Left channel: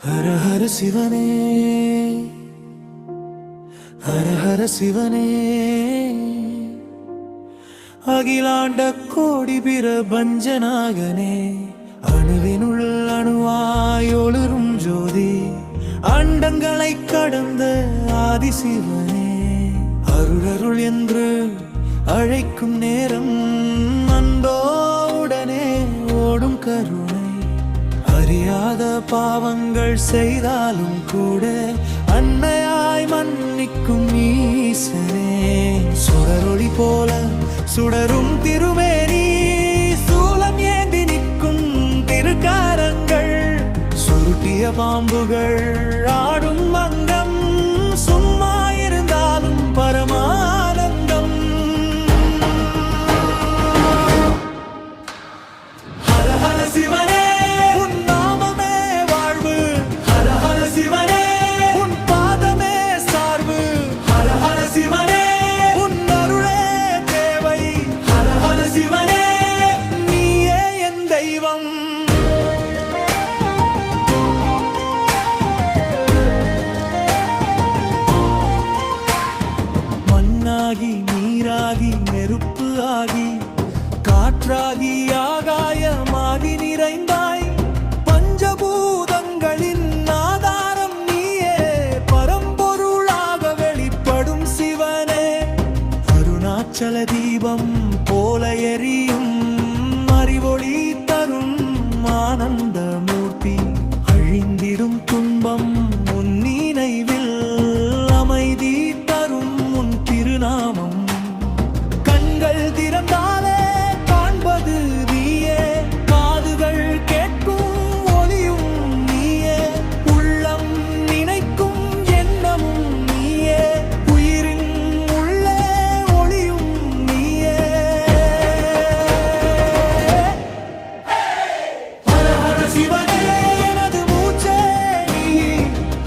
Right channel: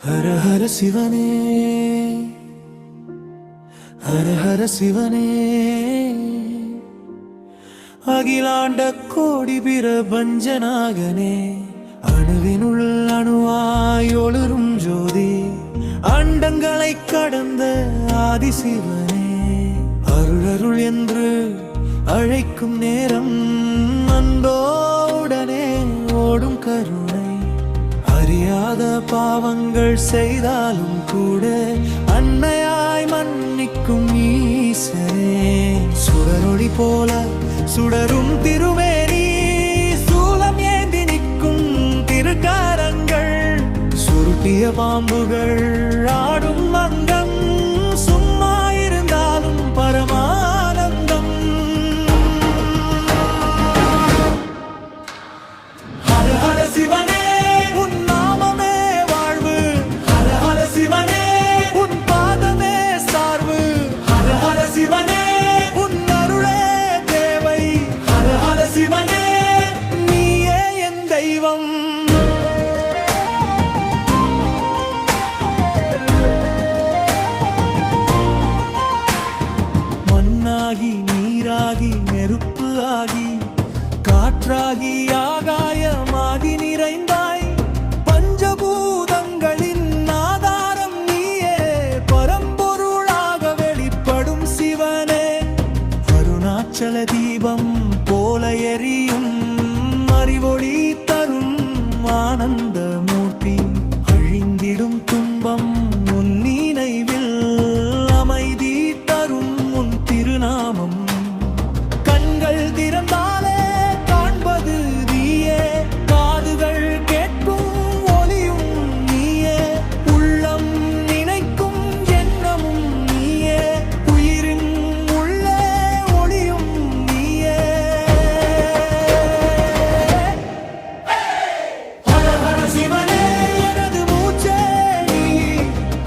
ஹர ஹர சிவனே, ஹர ஹர சிவனே, அகிலாண்ட கோடி பிரபஞ்சநாயகனே, அணுவினுள் அணுவாய் ஒளிரும் ஜோதி, அண்டங்களை கடந்த ஆதிசிவனே, அருளருள் என்று அழைக்கும் நேரம் அன்போடனே ஓடும் கருணை, அறியாத பாவங்கள் செய்தாலும் கூட அன்னையாய் மன்னிக்கும் ஈசனே, சுடரொளி போல சுடரும் திருமேனி, சூலம் ஏந்தி நிற்கும் திருக்காரங்கள், சுருட்டிய பாம்புகள் ஆடும் அங்கம், சும்மா இருந்தாலும் பரமானந்தம். ஹர ஹர சிவனே, உன் நாமமே வாழ்வு, ஹர ஹர சிவனே, உன் பாதமே சார்பு, ஹர ஹர சிவனே, உன் அருளே தேவை, ஹர ஹர சிவனே, நீயே என் தெய்வம். மண்ணாகி நீராகி நெருப்பு ஆகி காற்றாகி ஆகாயமாகி நிறைந்தாய், பஞ்சபூதங்களின் ஆதாரம் நீயே, பரம்பொருளாக வெளிப்படும் சிவனே, அருணாச்சல தீபம் போல எரியும் அறிவொளி தரும் ஆனந்த மூர்த்தி, அழிந்திடும் துன்பம் உன் நினைவில் அமைதி தரும் உன் திருநாமம், கண்கள் திறந்தாலே காண்பது நீயே, காதுகள் கேட்கும் ஒலியும் நீயே, உள்ளம் நினைக்கும் எண்ணமும் நீயே, உயிரின் உள்ளே ஒளியும் நீயே. ஹர ஹர சிவனே, எனது மூச்சே நீ,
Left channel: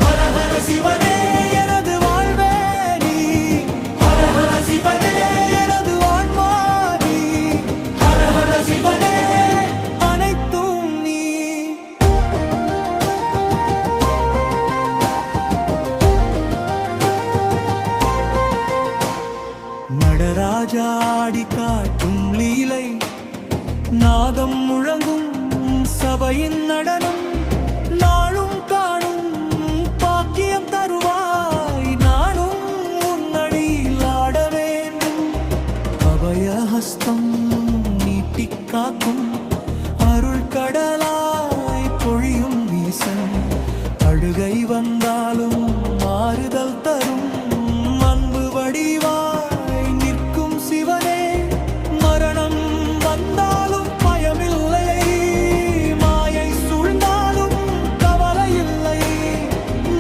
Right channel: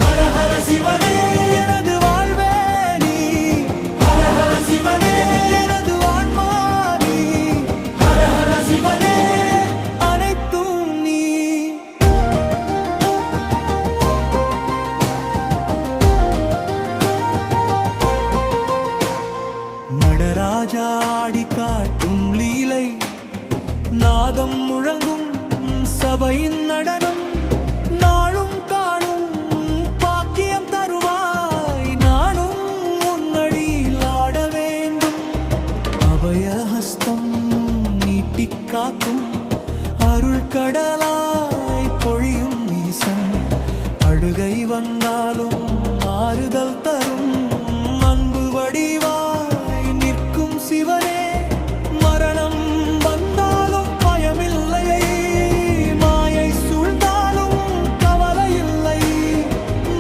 ஹர ஹர சிவனே, எனது வாழ்வே நீ, ஹர ஹர சிவனே, எனது ஆன்மா நீ, ஹர ஹர சிவனே, அனைத்தும் நீ. நடராஜா ஆடி காட்டும் லீலை, நாதம் முழங்கும் சபையின் நடனம், நாளும் காணும் பாக்கியம் தருவாய், நானும் உன்னடியில் ஆட வேண்டும், அபயஹஸ்தம் நீட்டிக் காக்கும் அருள் கடலாய் பொழியும் ஈசன், அழுகை வந்தாலும் மாறுதல் தரும் அன்பு வடிவாய் நிற்கும் சிவனே, மரணம் வந்தாலும் பயமில்லையை, மாயை சூழ்ந்தாலும் கவலையில்லை,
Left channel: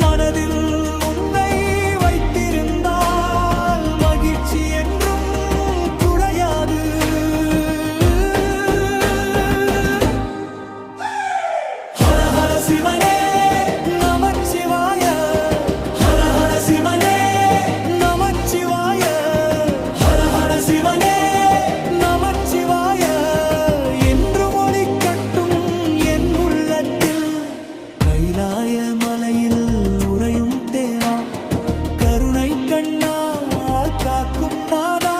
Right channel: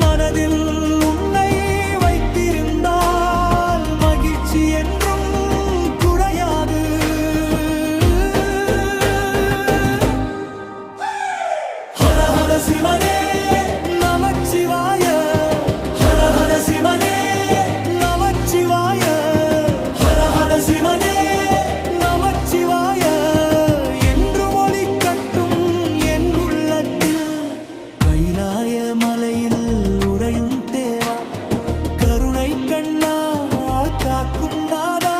மனதில் உன்னை வைத்திருந்தால் மகிழ்ச்சி என்றும் குறையாது. ஹர ஹர சிவனே, நமச்சிவாய, ஹர ஹர சிவனே, நமச்சிவாய, ஹர ஹர சிவனே, நமச்சிவாய என்றும் ஒலிக்கட்டும் என் உள்ளத்தில், கைலாய மலையில் உறையும் தேவா, கருணை கண்ணால் காக்கும் நாதா,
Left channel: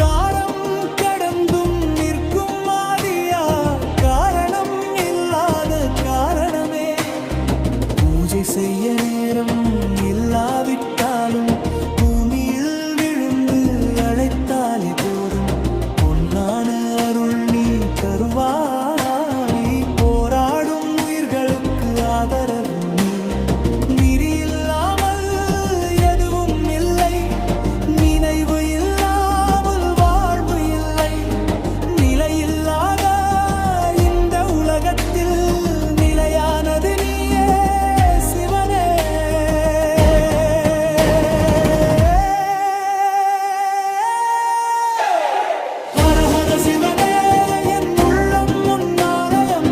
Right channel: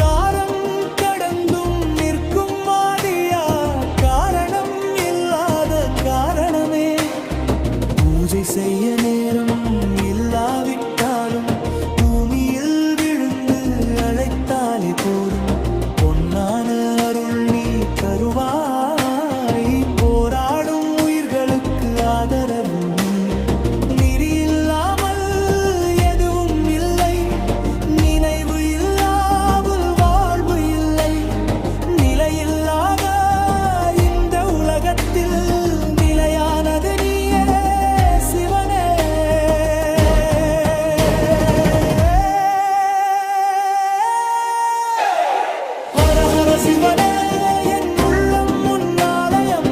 காரம் கடந்தும் நிற்கும் மாதியா, காரணம் இல்லாத காரணமே, பூஜை செய்ய நேரம் இல்லாவிட்டாலும் பூமியில் விழுந்து அழைத்தாலே போதும், பொன்னான அருள் நீ தருவாய், போராடும் உயிர்களுக்கு ஆதரவு நீ, நெறி இல்லாமல் எதுவும் இல்லை, நினைவு இல்லாமல் வாழ்வு இல்லை, நிலையில்லாத இந்த உலகத்தில் நிலையானது நீயே சிவனே. ஹர ஹர சிவனே, என் உள்ளம் உன் ஆலயம்,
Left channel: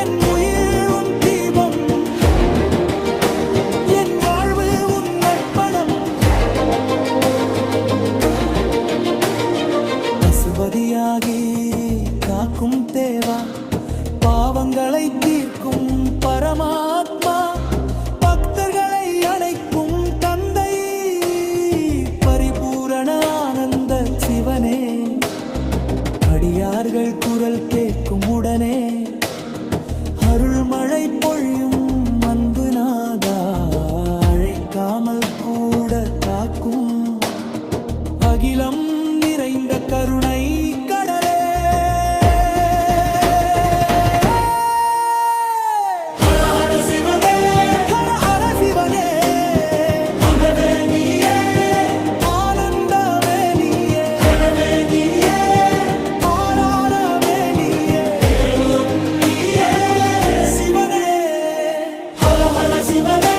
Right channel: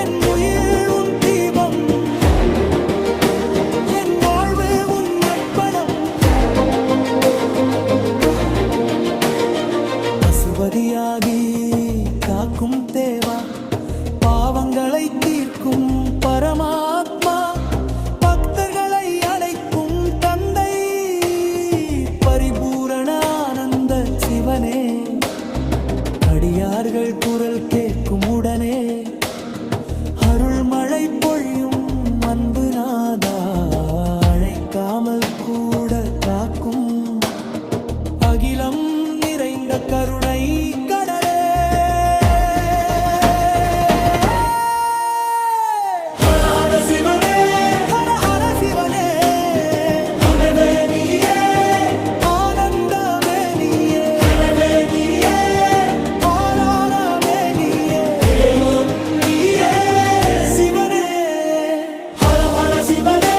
என் உயிர் உன் தீபம், என் வாழ்வு உன் அர்ப்பணம், பசுபதியாகி காக்கும் தேவா, பாவங்களை தீர்க்கும் பரமாத்மா, பக்தர்களை அழைக்கும் தந்தை, பரிபூரண ஆனந்த சிவனே. அடியார்கள் குரல் கேட்கும் உடனே அருள்மழை பொழியும் அன்பு நாதா, அழைக்காமல் கூட காக்கும் அகிலம் நிறைந்த கருணை கடலே. ஹர ஹர சிவனே, ஹர ஹர சிவனே, உணவே நீயே, ஆனந்தமே நீயே, உணவே நீயே, ஆராரமே நீயே, எல்லோரும் நீயே. சிவனே, ஹர ஹர சிவனே,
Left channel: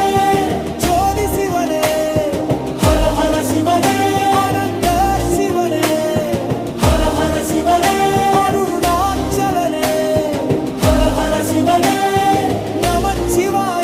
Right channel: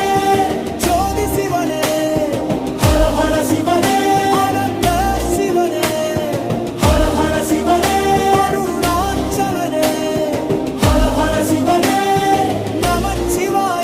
ஜோதி சிவனே, ஹர ஹர சிவனே, ஆனந்த சிவனே, ஹர ஹர சிவனே, அருணாச்சலனே, ஹர ஹர சிவனே, நமச்சிவாய.